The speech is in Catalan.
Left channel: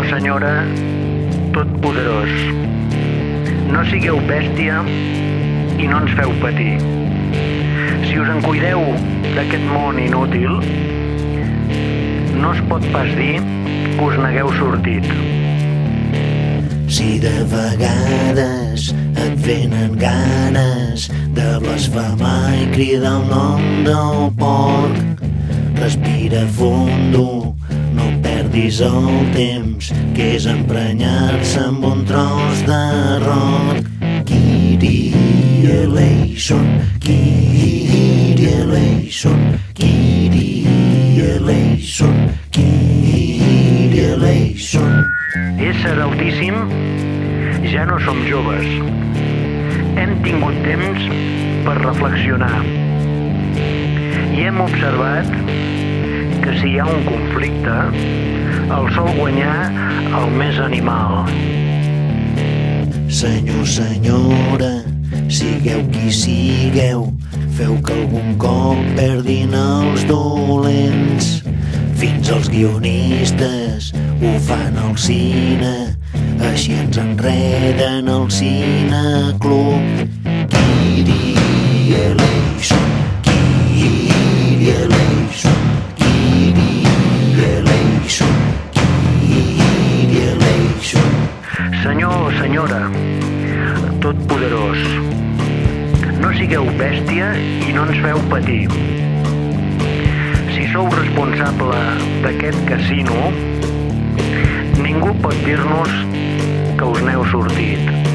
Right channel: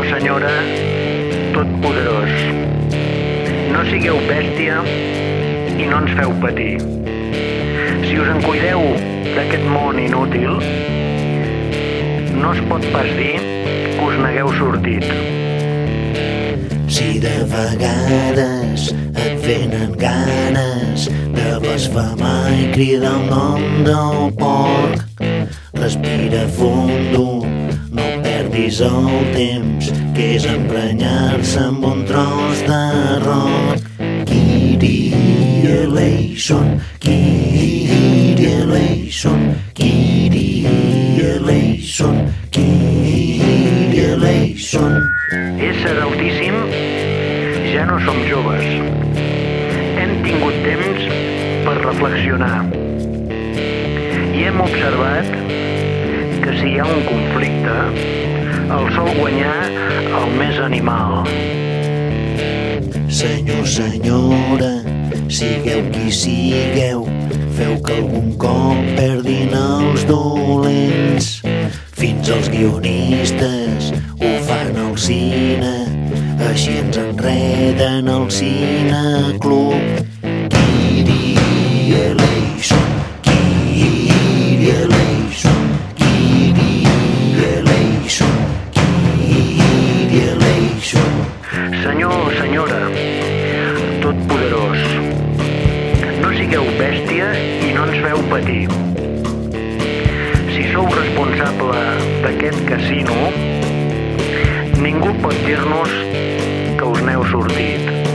Senyor o senyora totpoderós, no sigueu bèstia i no ens feu patir. Si us en cuideu d'aquest món inútil, no es pot pas dir que us n'hagueu sortit. Si de vegades et venen ganes de blasfemar i cridar el nom del porc, respira fondo, no perdis el temps, que és emprenyar-se amb un tros d'arròs. Kyrie eleison, Kyrie eleison, Kyrie eleison, Kyrie eleison. Ésser altíssim, ja no som joves. Hem tingut temps per reflexionar i hem observat que si hi ha un conflicte, el sol guanyar el més animal. Senyor, senyora, sigueu qui sigueu, feu que algun cop perdin els dolents. Fins els guionistes ho fan al cine, així ens enreden al cineclub. Kyrie eleison, Kyrie eleison, Kyrie eleison, Kyrie eleison. Senyor o senyora totpoderós, no sigueu bèstia i no ens feu patir. Si sou responsable d'aquest casino, ningú pot dir-nos que us n'heu sortit.